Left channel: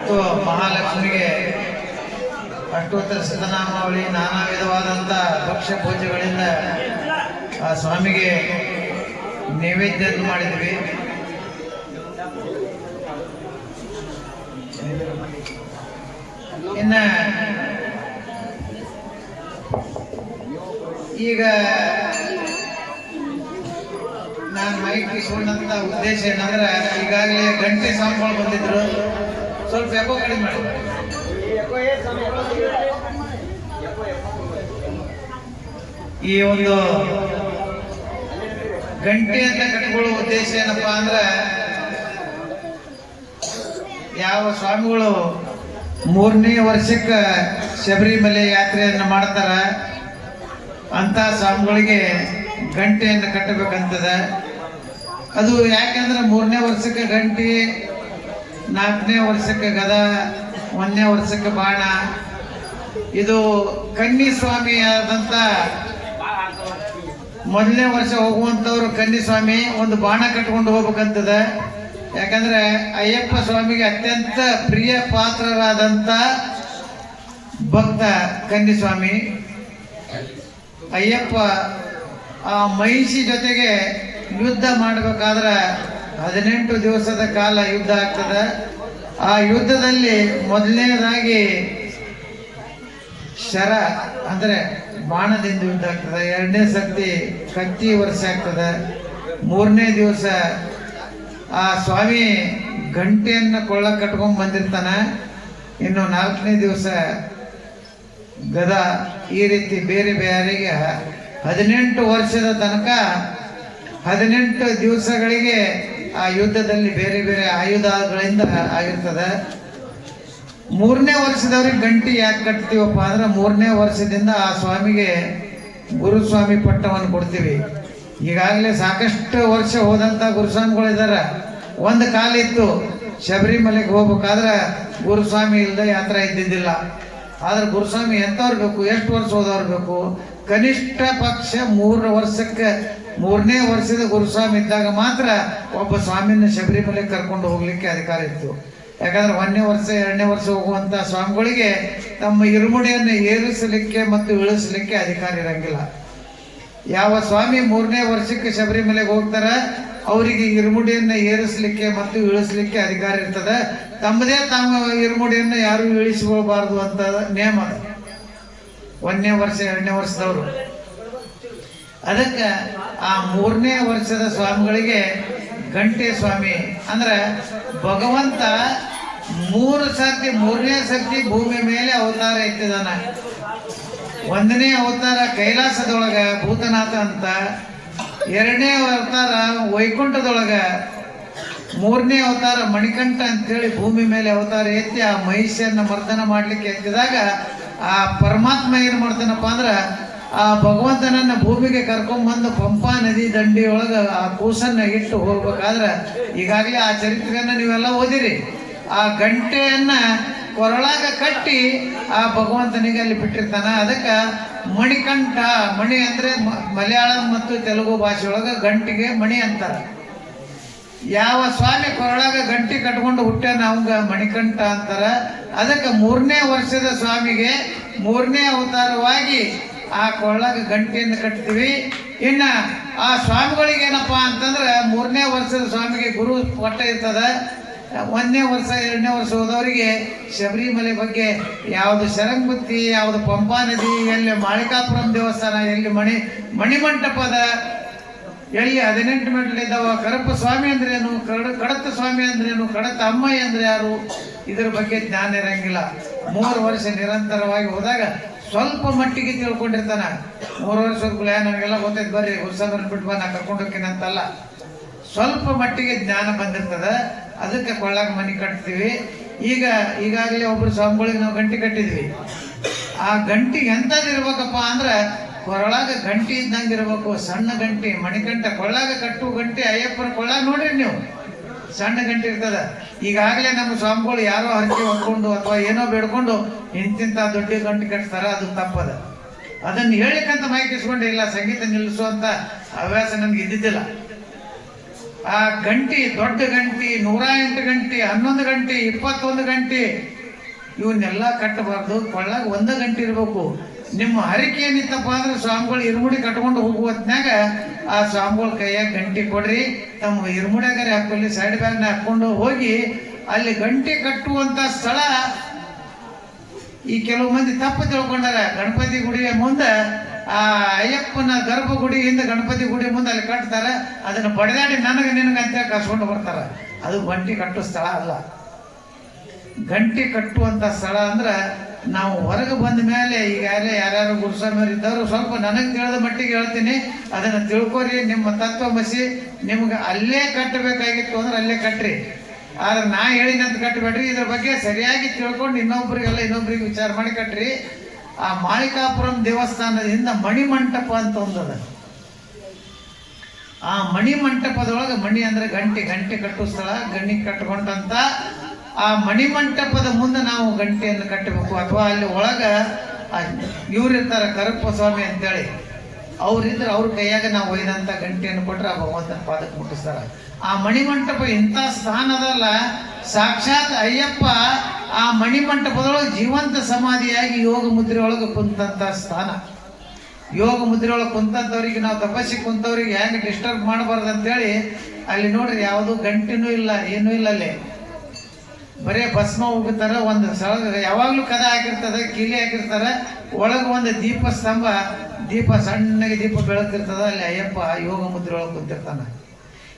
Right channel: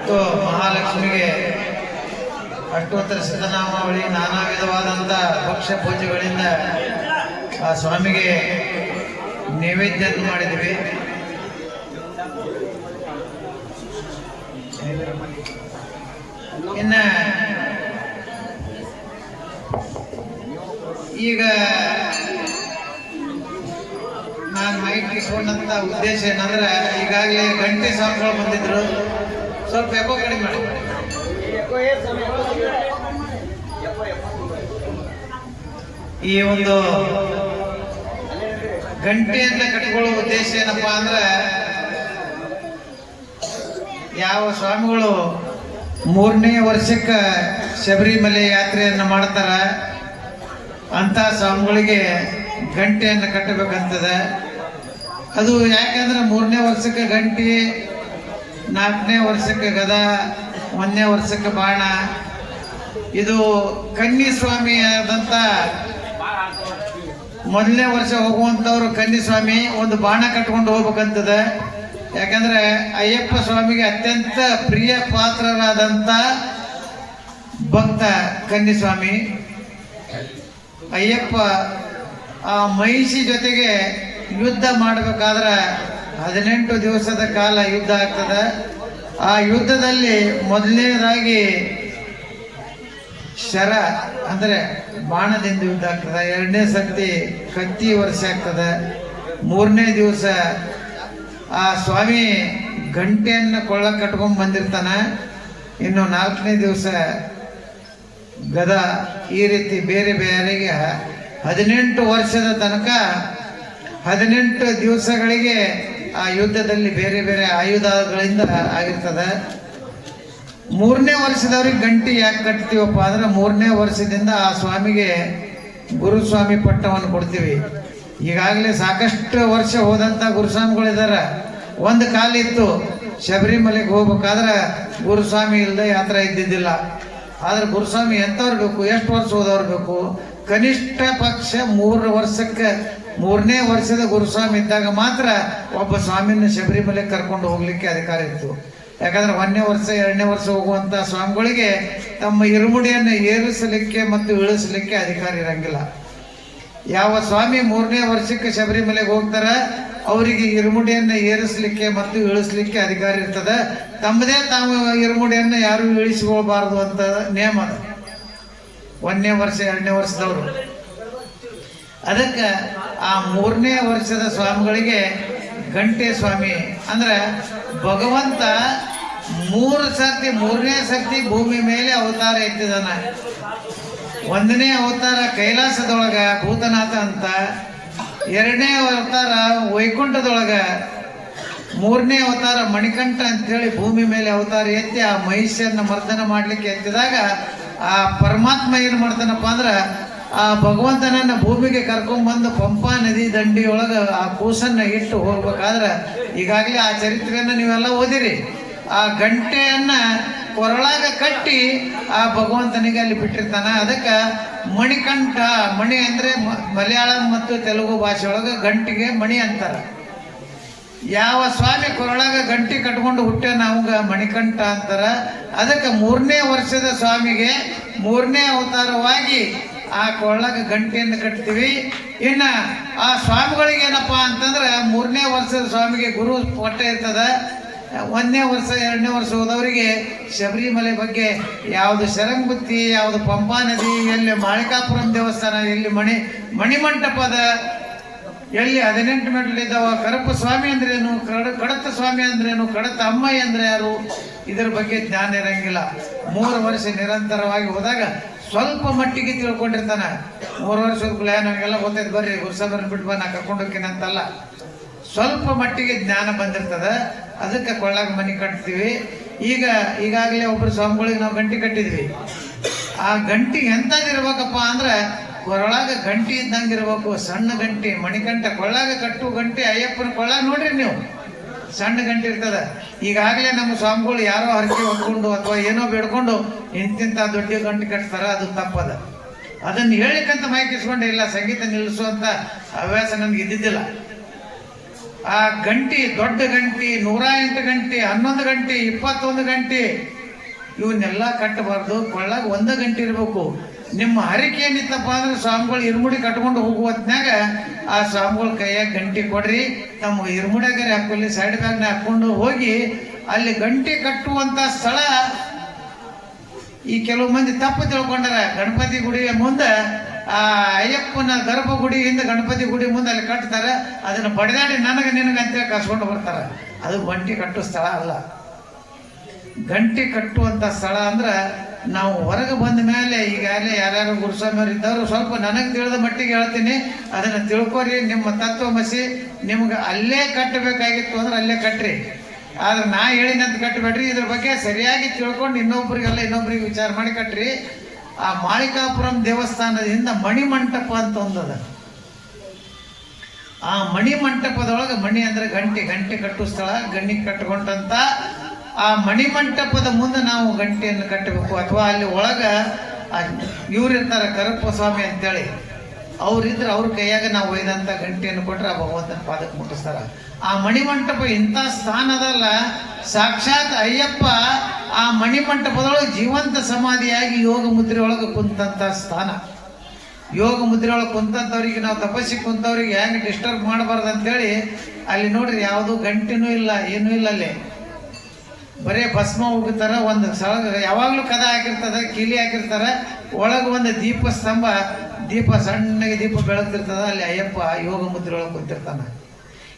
ಮತ್ತು ಮಹಾಲಕ್ಷ್ಮಿಗೆ ಅಷ್ಟೋತ್ತರ ಸಿದ್ಧನಾಮಾವಳಿ ನಾನಾ ವಿಧವಾದಂಥ ಭಕ್ಷ್ಯ ಪೂಜೆಗಳಿಂದ ಆ ಸ್ವಾಮಿಗೆ ನೈವೇದ್ಯ ಮಾಡಿದ್ವಿ. ಇನ್ನ ಈಗ ನಾನು ಮೈಕ್ ಇಟ್ಕೊಂಡಂತ ಉದ್ದೇಶ ಏನಂದ್ರೆ ಈಗಾಗಲೇ ಗಂಟೆ ಸ್ವಾಮಿಗಳು ಬಂದಿದ್ರು. ಸ್ವಲ್ಪ ಎಕೋ ಕಡಿಮೆ ಮಾಡಿ. ಈ ಒಂದು ಗಂಟೆಯನ್ನ ಕಟ್ಕೊಳ್ಳೋ ಉದ್ದೇಶ ಏನಪ್ಪಾ ಅಂದ್ರೆ, ಯಾವ ಸ್ವಾಮಿಗಳು ಮೂರನೇ ವರ್ಷಕ್ಕೆ ಶಬರಿಮಲೆ ಯಾತ್ರೆಯನ್ನು ಮಾಡ್ತಾರ ಅಂತ ಸ್ವಾಮಿಗಳಿಗೆ ಗಂಟೆಯನ್ನು ಕಟ್ಟಬೇಕಂತದ. ಅದು ಯಾಕಂದ್ರೆ ಮೂರನೇ ವರ್ಷಕ್ಕೆ ಗಂಟಿ ನಾಲ್ಕನೇ ವರ್ಷಕ್ಕೆ ಗದ, ಒಂದನೇ ವರ್ಷಕ್ಕೆ ಬಾಣ. ಇದು ಕನ್ನಿ ಸ್ವಾಮಿ ಆದಂತ ಮೊದಲನೇ ವರ್ಷ ಹೋಗುವಂತವ್ರು ಕನ್ನಿ ಸ್ವಾಮಿ ಒಂದು ಬಾಣ ಕಟ್ಕೊಂಡು ಹೋಗ್ಬೇಕಂತದ. ಯಾಕಂದ್ರೆ ಅಯ್ಯಪ್ಪ ಸ್ವಾಮಿಗೆ ಅತ್ಯಂತ ಪ್ರಿಯ ಪಾತ್ರರಾದಂತ ಭಕ್ತ ಕನ್ನಿ ಸ್ವಾಮಿ ಅಯ್ಯಪ್ಪ ಆ ಮಹಿಷಿ ಜೊತೆಗೆ ಯುದ್ಧ ಮಾಡಬೇಕಾದ್ರೆ ಹದಿನೆಂಟು ದಿವಸದ ಕಾಲ ಯುದ್ಧ ಆಗ್ತದೆ. ಆ ಯುದ್ಧದಲ್ಲಿ ಮೊದಲನೇದಾಗಿ ಶರ ಅಂದ್ರೆ ಬಾಣದಿಂದ ಯುದ್ಧ ಆಗ್ತದೆ. ಎರಡನೇ ಸರ್ತಿ ಕತ್ತಿ ವರ್ಷ ಆಗ್ತದೆ. ಮೂರನೇ ದಿವಸ ಆ ಸ್ವಾಮಿ ಗಂಟೆಯನ್ನು ಕೊಳ್ಳ ಕಟ್ಕೊಂಡ್ ಬಂದಿರ್ತಾನೆ. ಇನ್ನು ನಾಲ್ಕನೇ ದಿವಸ ಗದ ಈ ರೀತಿ ಬೇರೆ ಬೇರೆಗೆ ಹದಿನೆಂಟು ವರ್ಷದ ತನಕ ಹದಿನೆಂಟು ದಿವಸಗಳಿಗೆ ಆ ಯುದ್ಧದಲ್ಲಿ ಬೇರೆ ಬೇರೆ ಆಯುಧಗಳಿಂದ ಆಗಿರ್ತದೆ. ಮೂರನೇ ವರ್ಷದವ್ರಿಗೆ ಗಂಟಿ ಯಾಕೆ ಕಟ್ತೀವಪ್ಪ ಅಂದ್ರೆ ಮೂರನೇ ವರ್ಷದಿಂದ ಆ ಸ್ವಾಮಿಗೆ ಗುರುಸ್ವಾಮಿ ಪಟ್ಟವನ್ನು ಕೊಡ್ತೀವಿ. ಈಗಾಗಲೇ ಸಾಕಷ್ಟು ವರ್ಷ ಹೋದಂತ ಗುರುಸ್ವಾಮಿಗಳಿದ್ದಾರೆ. ಒಂದು ಕಾಲಿತ್ತು, ಶಬರಿಮಲೆಗೆ ಹೋಗ್ಬೇಕಾದ್ರೆ ಗುರುಸ್ವಾಮಿ ಇಲ್ಲದೆ ಯಾತ್ರೆ ಇದ್ದಿದ್ದಿಲ್ಲ. ಆದ್ರೆ ಗುರುಸ್ವಾಮಿ ಎಂಥವ್ರು ಬೇಕು, ಎಷ್ಟು ವರ್ಷ ಹೋದವ್ರು ಬೇಕು? ಕನಿಷ್ಠ ಪಕ್ಷ ಮೂರು ವರ್ಷಕ್ಕೆ ಮೂರನೇ ವರ್ಷದ ಗುರುಸ್ವಾಮಿ ಇದ್ದಾಗ ಮಾತ್ರ ಒಬ್ಬ ಸ್ವಾಮಿನ ಶಬರಿಮಲೆ ಕರ್ಕೊಂಡು ಹೋಗ್ಲಿಕ್ಕೆ ಅಧಿಕಾರ ಇತ್ತು. ಯಾಕಂದ್ರೆ ಒಂದನೇ ವರ್ಷ, ಎರಡನೇ ವರ್ಷ ಹೋಗುವಂತ ಸ್ವಾಮಿಗಳಿಗೆ ತಮ್ಮ ಇರುಮುಡಿಯನ್ನು ಏರಿಸಲಿಕ್ಕೆ ಮತ್ತು ಇಳಿಸಲಿಕ್ಕೆ ಅಧಿಕಾರ ಇರಂಗಿಲ್ಲ. ಯಾವ ಸ್ವಾಮಿ ಮೂರನೇ ವರ್ಷಕ್ಕೆ ಶಬರಿಮಲೆಗೆ ಹೋಗ್ತಾರ, ಅವರಿಗೆ ಇರುಮುಡಿಯನ್ನು ಏರಿಸಲಿಕ್ಕೆ ಮತ್ತು ಇಳಿಸಲಿಕ್ಕೆ ಅಧಿಕಾರ ಇರ್ತದ. ತಮ್ಮದೇ ತಾವು ಇರುಮುಡಿಯನ್ನು ಯಾರು ಇಳಿಸಿಕೊಳ್ಬಾರ್ದು ಅಂತ ಅದು. ಒಂದನೇ ವರ್ಷ, ಎರಡನೇ ವರ್ಷದವರು. ಅದಕ್ಕೆ ಆ ಮೂರನೇ ವರ್ಷದ ಸ್ವಾಮಿಗಳಿಗೆ ಗಂಟೆ ಸ್ವಾಮಿ. ಅಂದ್ರೆ ಭಗವಂತ ಮೂರು ಸತಿ ಮೂರನೇ ಸರ್ತಿ ಭೂಮಿ ಮೇಲೆ ಅವತಾರ ಎತ್ತಿದಾನ ಒಂದನೇ ಅವತಾರ ಕೈಲಾಸದೊಳಗ ಭೂತನಾಥ ಅಂತ, ಎರಡನೇ ಅವತಾರ ವೈಕುಂಠದೊಳಗ, ಮೂರನೇ ಅವತಾರ ಮಣಿಕಂಠ ಅಂತೇಳಿ ಭೂಮಿ ಮೇಲೆ ಅವತಾರ ಎತ್ತಿ ಆ ಮಹಿಷಿಯನ್ನು ಮರ್ದನ ಮಾಡ್ಲಿಕ್ಕೆ ಎತ್ತಿದಾಗ ಆ ಪರಮಾತ್ಮ ಏನು ಮಾಡ್ತಾನಪ್ಪ ಅಂದ್ರ ಆ ಭಗವಂತನನ್ನ ಭೂಮಿಗೆ ಕರ್ಕೊಂಡ್ಬಂದು ಪಂಪಾ ನದಿ ದಂಡಿ ಒಳಗ ಆ ಕೂಸನ್ನ ಇಟ್ಟು ಹೋಗ್ಬೇಕಾದ್ರೆ ಈಗಾಗಲೇ ಆ ಚರಿತ್ರೆಯನ್ನ ನೀವೆಲ್ಲ ಓದಿರಿ. ಆ ಗಂಟೆಯನ್ನ ಕೊರಳಾಗ ಕಟ್ಟಿ ಆ ಭಗವಂತನಿಗೆ ಅಲ್ಲಿ ಬಿಟ್ಟಿರ್ತಾನ. ಅದಕ್ಕೆ ಮಣಿಕಂಠ, ಮಣಿ ಅಂದ್ರೆ ಮಲಯಾಳಂ ಮತ್ತು ತೆಲುಗು ಭಾಷೆ ಒಳಗ ಗಂಟಿಗೆ ಮಣಿ ಅಂತಾರ. ಯಾವ ಸ್ವಾಮಿ ಕೊರಳಾಗ ಗಂಟಿ ಕಟ್ಕೊಂಡು ಹುಟ್ಟ್ಯಾನ ಅವಂಗ ಮಣಿಕಂಠ ಅಂತಾರ. ಅದಕ್ಕೆ ಮೂರನೇ ವರ್ಷದ ಸ್ವಾಮಿಗೆ ಮೂರನೇ ಅವತಾರವಾಗಿ ಆ ಕೊಳ್ಳಗೆ ಗಂಟೆಯನ್ನು ಕಟ್ತೀವಿ. ಇನ್ನ ಆ ಸ್ವಾಮಿಗಳಿಗೆ ಏನಪ್ಪ ಅಂತಂದ್ರೆ ಮೂರನೇ ವರ್ಷದ ಸ್ವಾಮಿಗೆ ಗುರು ಪಟ್ಟ ಇರ್ತದ. ಒಂದನೇ ವರ್ಷ, ಎರಡನೇ ವರ್ಷ ಹೋದವರಿಗೆ ಶಬರಿಮಲೆ ಬಗ್ಗೆ ಯಾವುದು ಶರಂಗುತ್ತಿ, ಯಾವುದು ಪಂಪಾ ನದಿ, ಎಲ್ಲಿ ಮಾಳಿಕಾಪುರಂ ದೇವಸ್ಥಾನ, ಎಲ್ಲಿ ಮಣಿ, ಮಣಿಮಂಟಪದ, ಎಲ್ಲಿ ಹದಿನೆಂಟು ಮೆಟ್ಲಿದ್ದಾವ ಕರಪ ಸ್ವಾಮಿ ಅಂದ್ರೇನು ಕಡ ಕಡತ ಸ್ವಾಮಿ ಅಂದ್ರೇನು ಕಡತ ಅಮ್ಮ ಅಂದ್ರೆ ಯಾರು? ಇದ್ರ ಬಗ್ಗೆ ಜ್ಞಾನ ಇರಂಗಿಲ್ಲ. ಮೂರು ವರ್ಷ ನಿರಂತರವಾಗಿ ಹೋದಾಗ ಸ್ವಲ್ಪ ಮಟ್ಟಿಗೆ ತಿಳ್ಕೊಂಡಿರ್ತಾನೆ. ಮೂರು ವರ್ಷ ಪ್ಲಾನ್ ನಮಗೆಲ್ಲ ಗೊತ್ತೈತೆ, ಬರ್ರಿ ಹುಸಬರ್ ಬಿಟ್ಟು ಬಾ, ನಾ ಕರ್ಕೊಂಡು ಅಂತಲ್ಲ. ಸ್ವಲ್ಪ ಮಟ್ಟಿಗೆ ಜ್ಞಾನ ಬಂದಿರ್ತದ. ಅದಕ್ಕೆ ಕೊಳ್ಳಾಗ ಮನೆ ಕಟ್ತೀವಿ. ಈಗ, ಈಗಾಗಲೇ ಒಬ್ರು ಸ್ವಾಮಿಗಳಿಗೆ ನಾವು ಗಂಟೆ ಕಟ್ಟಿದ್ವಿ. ಆ ಗಂಟಿ ಎಂತದಿರ್ಬೇಕಪ್ಪ ಅಂದ್ರೆ, ಕೊರಳಾಗ ಗಂಟಿ ಇದ್ದಂಗೆ ಇರ್ಬೇಕು ಸಣ್ಣ ಗಂಟಿ, ಮಣಿಕಂಠ ಕೊಳ್ಳಾಗ ಕಟ್ಟು ಗಂಟಿ, ಅಯ್ಯಪ್ಪನ ಕೊಳ್ಳಾಗ ನೋಡ್ರಿ ನೀವು. ಸಣ್ಣ ಗಂಟೆ ಇರ್ತದ. ಈಗಾಗಲೇ ನಮ್ಮ ಸ್ವಾಮಿಗಳು ಯಾರೋ ಹರಕೆ ಹೊತ್ಕೊಂಡು ಅಥವಾ ಏನೋ ಬೇಡ್ಕೊಂಡು ಇಂತಿಂತ ದೊಡ್ಡ ಗಂಟೆ ಕಟ್ತಾರ ಅದು ತಪ್ಪದ. ಅದನ್ನು ಹೇಳಿಕಂತ ಮಾಹಿತಿ ಇಸ್ಕೊಂಡೆ, ಇಲ್ಲ, ಸಂಗೀತ ನಿಲ್ಲಿಸುವಂತ ಹವ್ಯಾಸ ನನ್ಗೆ ಇದ್ದಿದ್ದಿಲ್ಲ. ಆ ಗಂಟಿ, ದೊಡ್ಡ ಗಂಟಿ, ನೂರ ಎಂಟು ಗಂಟೆ, ಹನ್ನೊಂದು ಗಂಟೆ, ಇಪ್ಪತ್ತೊಂದು ಗಂಟೆ, ಇವನ್ನೆಲ್ಲ ಕಟ್ಟಬಾರ್ದು. ಕೊಳ್ಳಾಗ ಒಂದು ಗಂಟೆ ಇರ್ಬೇಕು. ನಿಮ್ಮ ಹರಿಕೆ ಏನಿತ್ತಪ್ಪ ಅಂದ್ರೆ ಸ್ವಾಮಿಗಳು ಇರ್ಮುಡಿ ಕಟ್ಕೊಂಡು ಹೋಗುವ ಹೊತ್ನ್ಯಾಗ ಆ ಸ್ವಾಮಿಗಳ ಕೈಯಾಗ ಗಂಟಿ ಕೊಡ್ರಿ. ತಮ್ಮ ಇರ್ಮುಡಿಯಾಗ ಹಾಕೊಳ್ಳಿ ಸೈಡ್ ಬ್ಯಾಗ್ನ ಹಾಕೊಂಡು ಹೋಗಿ ಅಲ್ಲಿ ಗಂಟೆ ಕಟ್ಟುವಂತ ಸ್ಥಳ. ಈ ಕೆಲವು ಮಂದಿ ತಪ್ಪು ತಿಳ್ಕೊಂಡಾರ. ಗಣಪತಿ ಗುಡಿಯ ಮುಂದೆ ಆ ಅಯ್ಯಪ್ಪನ ಗರ್ಭ ಗುಡಿಯಿಂದ ಗಣಪತಿ ಗುಡಿ ಮುಂದೆ ಅಲ್ಲಿ ಕಟ್ತಾರ. ಅದನ್ನ ಬಡದಾಡಿ ನನಗೆ ನಿನಗೆ ಅಂತ ಕಸ್ಕೊಂಡು ಬರ್ತಾರ. ಅದು ಗಂಟಿ ಕಟ್ಟುವ ಸ್ಥಳ ಅಲ್ಲ. ಗಂಟಿ ಕಟ್ಟುವಂತ ಸ್ಥಳ ಅಂದ್ರ ನಾವು ಹೊರಗೆ ಬಂದ ಮೇಲೆ ಈಗಾಗಲೇ ಯಾರ್ಯಾರು ಗುರುಸ್ವಾಮಿಯವರು ಇದ್ದವರು ಸ್ವಲ್ಪ ನನಗೆ ತಿಳಿದ ಮಟ್ಟಿಗೆ ಹೇಳ್ತೀನಿ. ಅದನ್ನು ತಿಳ್ಕೊರಿ, ನಿಮ್ಮ ತತ್ವಮಸಿ ನಿಮ್ಗೆ ಅಲ್ಲೇ ಕಟ್ಟಬೇಕಾಗಿತ್ತು ಅಂದ್ರೆ ಅಲ್ಲೇ ಕಟ್ಟ್ರಿ ಆದ್ರೆ ನಾ ಹೇಳಿನಂತ ಕಟ್ಟಬೇಡ್ರಿ. ಇದ್ರ ಬಗ್ಗೆ ಸರಿಯಾಗಿ ತಿಳ್ಕೊಂಡು ಇನ್ನೊಬ್ರಿಗೆಲ್ಲ ಇನ್ನೊಬ್ರಿಗೆ ವಿಚಾರ ಮಾಡಿ ಕಟ್ಟ್ರಿ ಆ ಮಾಳಿಕಾಪುರಂ ದೇವಸ್ಥಾನದಿಂದ ಮಣಿಮಂಟಪ ಅಂತ ಒಂದದ. ಆ ಮಣಿ ಮಂಟಪದೊಳಗೆ ಮಣಿ ಅಂದ್ರೆ ಗಂಟೆ ಗಂಟೆ ಕಟ್ಟುವ ಸ್ಥಳ ಗಣ್ಣಿ ಕಟ್ಟಿಕೊಂಡಂತ ಆ ಮಣಿಮಂಟಪದ ಮುಂದೆ ನಾವು ಗಂಟೆಯನ್ನು ಕಟ್ಟಬೇಕು. ಅಥವಾ ಅಲ್ಲಿ ಒಳಗ ಇವ್ರು ಇರ್ತಾರೆ ಕರಪ್ಪ ಸ್ವಾಮಿ ಅಂತೇಳಿ, ಅವ್ರಿದ್ರೆ ಅವ್ರ ಕೈಯಾಗ ನಾವು ಒಯ್ದಂತ ಗಂಟೆಯನ್ನು ಕೊಟ್ರೆ ಆ ಭಗವಂತನ ಪಾದಕ್ಕೆ ಮುಟ್ಟಿಸ್ತಾರ. ಆ ಮಣಿಮಂಟಪ ಇಂಥ ಸ್ಥಾನ ಅದಲ್ಲ. ಸಾಕ್ಷಾತ್ ಅಯ್ಯಪ್ಪ ಆ ಮಣಿಮಂಟಪದೊಳಗೆ ಜೀವಂತ ಸಮಾಧಿಯಾಗಿ ಯೋಗ ಮುದ್ರೆ ಒಳಗೆ ಕುಂತಂತ ಸ್ಥಾನ. ಯೋಗ ಮುದ್ರೆ ಒಳಗೆ ಕುಂತಂಥವ್ರಿಗೆ ನಾವು ತಪಸ್ಸಿ ಕುಂತವ್ರಿಗೆ ಹೆಂಗೆ ಡಿಸ್ಟರ್ಬ್ ಮಾಡಬಾರ್ದು ಅಂತೇಳಿ ಅಲ್ಲಿ ನೋಡ್ರಿ, ಯಾವುದು ಗಂಟೆನೂ ಇಲ್ಲ, ಏನೂ ಇಲ್ಲ ಅಲ್ಲಿ. ಬರೇ ಭಸ್ಮ ಹೋಗುತ್ತಾರ ಒಂದು ಸಲ ಯಾವಾಗಲೂ ಕದ ಹಾಕಿರ್ತದೆ ಕೀಲಿ ಹಾಕಿರ್ತಾರ, ಒಳಗೆ ಒಂದು ದೀಪ ಸ್ತಂಭ, ದೀಪ ಸಣ್ಣಗೆ ದೀಪ ಬೆಳಗ್ತಿರ್ತದ, ಅಲ್ಲಿ ಅಯ್ಯಪ್ಪ ಯೋಗ ಮುದ್ರೆ ಒಳಗೆ ಕೂತಿರ್ತಾನೆ.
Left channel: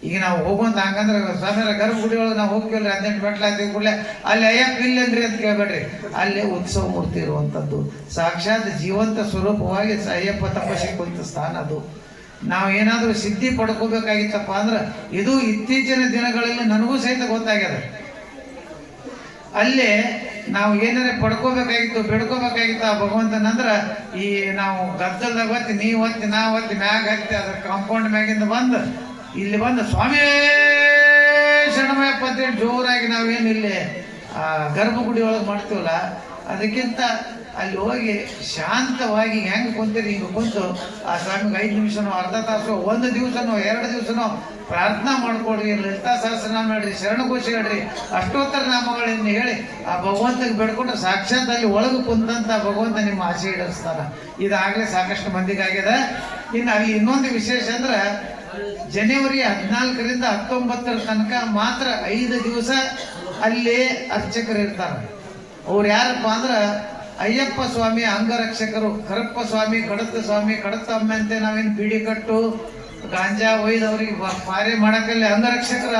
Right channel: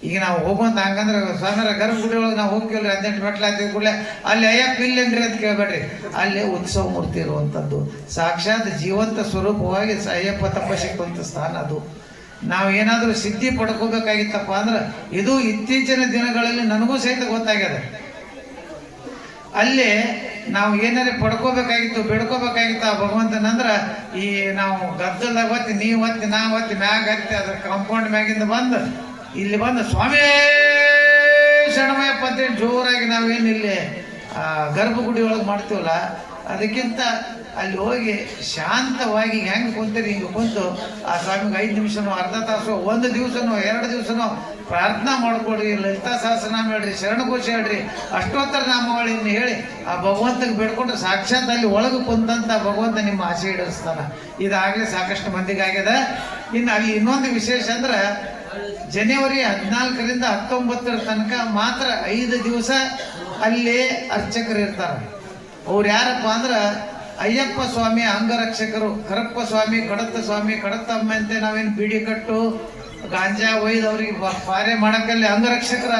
ಈಗ ನಾವು ಹೋಗುವಂತ ಹಂಗಂದ್ರೆ ಸ್ವಾಮಿಯರ ಗರ್ಭಗುಡಿ ಒಳಗೆ ನಾವು ಹೋಗ್ತೀವಿ ಹದಿನೆಂಟು ಮೆಟ್ಲು ಹಾಕಿದ ಕೂಡಲೇ, ಅಲ್ಲಿ ಅಯ್ಯಪ್ಪ ಇಲ್ಲಂದ್ರೆ ಅಂತ ಕೇಳ್ಬೇಡ್ರಿ. ಅಲ್ಲಿ ಉತ್ಸವ ಮೂರ್ತಿ ಇರುವಂಥದ್ದು ಸಾಕ್ಷಾತ್ ಜೀವಂತ ಸ್ವರೂಪವಾಗಿ ಅಯ್ಯಪ್ಪ ಕುಂತ ಸ್ಥಾನ ಅದು. ನಾವು ಏನಾದರೂ ಸಿದ್ಧಿ ಪಡ್ಕೋಬೇಕಾಗಿತ್ತಪ್ಪ ಅಂದ್ರೆ, ಇದು ಇತ್ತೀಚಿನ ದಿನಗಳಲ್ಲಿ ನನಗೂ ಸಹಿತ ಗೊತ್ತಾಗ್ಯದ. ಅಲ್ಲಿ ನಾವು ಏನಾರ ಪಡ್ಕೋಬೇಕಾಗಿತ್ತು, ಬೇಡ್ಕೋಬೇಕಾಗಿತ್ತು ಆ ಭಗವಂತನಂದ್ರ ಈ ನಾವು ಗದ್ದಲ್ದಾಗ ಬತ್ತಿ ನೀವು ಒತ್ತಿ ನಾ ಒತ್ತಿ ಮ್ಯಾಗ ಹತ್ತಿ ಅದ್ರ ಕಾಂಪೌಂಡ್ ಮ್ಯಾಗಿಂದ ಬಂದು ಇಲ್ಲಿ ಬಂದು ಸ್ವಾಮಿ ಶರಣಮಯಪ್ಪ ಅಂತೇಳಿ ಜೋರಾಗಿ ನಾವೇನು ಇಲ್ಲಿ ಗರ್ಭಗುಡಿ ಒಳಗೆ ಮಾಡ್ತೀವಲ್ಲ, ಅದಕ್ಕಿಂತ ಅಲ್ಲಿ ಹೋಗಿ ಶಾಂತವಾಗಿ ಹೆಂಗೆ ಕುಂತೀರಿ ಹಿಂಗೆ ಕುಂತು, ಆ ಸ್ವಾಮಿಗೆ ಐದು ನಿಮಿಷನೋ, ಅರ್ಧ ತಾಸು, ಒಂದು ದಿವಸನೋ, ಎರಡು ದಿವಸನೋ ಪ್ರಾರ್ಥನಾ ಮಾಡ್ಕೊಡ್ರಿ, ಲಲಿತಾ ಸಹಸ್ರನಾಮ ಹೇಳ್ರಿ ಶರಣಘೋಷ ಹೇಳ್ರಿ, ಅಷ್ಟೋತ್ತರ ನಾಮಗಳನ್ನು ಹೇಳಿ ಆ ಭಗವಂತನ ಬೇಡ್ಕೊಂಡು ಸಾಕ್ಷಾತ್ ಅಲ್ಲಿ ಒಳಗೆ ಕುಂತಂತ ಭಗವಂತ ನಿಮ್ಮ ಆಸೆ ಈಡೇರಿಸ್ತಾನ. ಇದಾಗಲೇ ಸಾಕಷ್ಟು ಮಂದಿಗಾಗಿದೆ ಇನ್ನು ಅಲ್ಲಿ ಇನ್ನೊಂದು ವಿಶೇಷ ಅಂದ್ರೆ ಜನವರಿ ಹದಿನಾಲ್ಕರಿಂದ ಹತ್ತೊಂಬತ್ತರ ತನಕ ಮಾತ್ರ ಐದು ದಿವಸ ಅಲ್ಲಿ ಅರ್ಚಕರು ಇರ್ತಾರೆ. ಅವ್ರು ಯಾರಪ್ಪ ಅಂದ್ರ ಅಯ್ಯಪ್ಪ ಸ್ವಾಮಿ ಅಂಗರಕ್ಷಕರು, ಹರಪ್ಪ ಸ್ವಾಮಿ ಕಡತ್ತ ಸ್ವಾಮಿ ಕಡತ್ತಮ್ಮ ಅಂತ ನಾವೇನು ಬೀಡಿ ಕಟ್ಟು ಗಾಂಜಾ ಒಯ್ದು ಅವ್ರಿಗೆ ಪಾರೆ ಅಂಗರಕ್ಷಕರ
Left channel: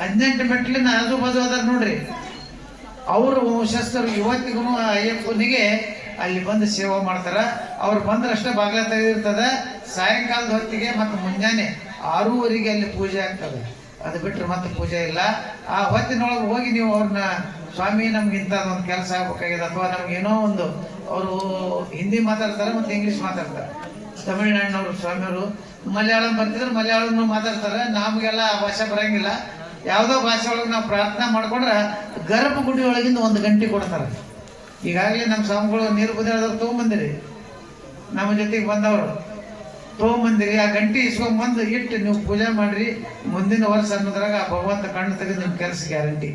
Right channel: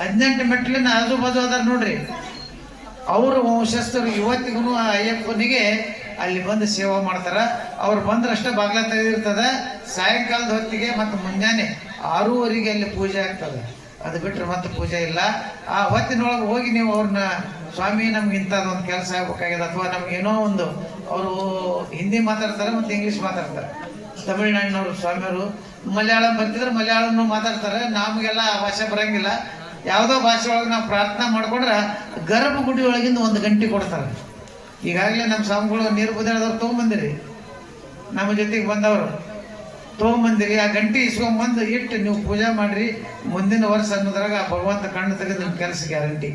ಹದಿನೆಂಟು ಮೆಟ್ಲಿನ ಆಜು ಬಾಜು ಅದಾರ ನೋಡ್ರಿ. ಅವರು ವಂಶಸ್ಥರು ಇವತ್ತಿಗೂ ಆ ಅಯ್ಯಪ್ಪನಿಗೆ ಅಲ್ಲಿ ಬಂದು ಸೇವೆ ಮಾಡ್ತಾರ. ಅವ್ರು ಬಂದ್ರಷ್ಟೇ ಬಾಗ್ಲ ತೆಗೆದಿರ್ತದ. ಸಾಯಂಕಾಲದ ಹೊತ್ತಿಗೆ ಮತ್ತು ಮುಂಜಾನೆ ಆರೂವರೆಗೆ ಅಲ್ಲಿ ಪೂಜೆ ಆಗ್ತದೆ. ಅದು ಬಿಟ್ಟರೆ ಮತ್ತೆ ಪೂಜೆ ಇಲ್ಲ. ಆ ಹೊತ್ತಿನೊಳಗೆ ಹೋಗಿ ನೀವು ಅವ್ರನ್ನ, ಸ್ವಾಮಿ ನಮ್ಗೆ ಇಂಥದ್ದೊಂದು ಕೆಲಸ ಆಗ್ಬೇಕಾಗಿದೆ ಅಥವಾ ನಮ್ಗೆ ಏನೋ ಒಂದು, ಅವರು ಹಿಂದಿ ಮಾತಾಡ್ತಾರೆ ಮತ್ತು ಇಂಗ್ಲಿಷ್ ಮಾತಾಡ್ತಾರೆ. ತಮಿಳ್ನಾಡಿನವರು ಸ್ವಾಮಿಯವರು, ಮಲಯಾಳಂ ಬರ್ತಿದ್ರೆ ಮಲಯಾಳಂ ಮಾತಾಡ್ತಾರೆ, ನಮಗೆಲ್ಲ ಆ ಭಾಷೆ ಬರಂಗಿಲ್ಲ. ಯಾವುದೋ ಭಾಷೆ ಒಳಗೆ ನಾವು ಪ್ರಾರ್ಥನಾ ಮಾಡ್ಕೊಂಡ್ರೆ ಗರ್ಭಗುಡಿ ಒಳಗಿಂದ ಒಂದು ಗಂಟೆ ಕೊಡ್ತಾರೆ. ಈಗಾಗಲೇ ನಮ್ಮ ಸ್ವಾಮಿಗಳು ನೀರು ಕುದಿರೋದವ್ರು ತೊಗೊಂಬಂದಿರಿ. ನಮ್ಮ ಜೊತೆಗೆ ಬಂದವರು. ತೊಗೊಂಬಂದಿರಿ ಆ ಗಂಟೆ ಇಸ್ಕೊಂಬಂದು ಇಟ್ಟು ನೀವು ಪೂಜೆ ಮಾಡ್ರಿ, ಮುಂದಿನ ವರ್ಷ ಅನ್ನೋದ್ರಾಗ ಆ ಭಗವಂತ ಕಣ್ಣು ತೆಗೆದು ನಿಮ್ಮ ಕೆಲಸ ಗ್ಯಾರಂಟಿ.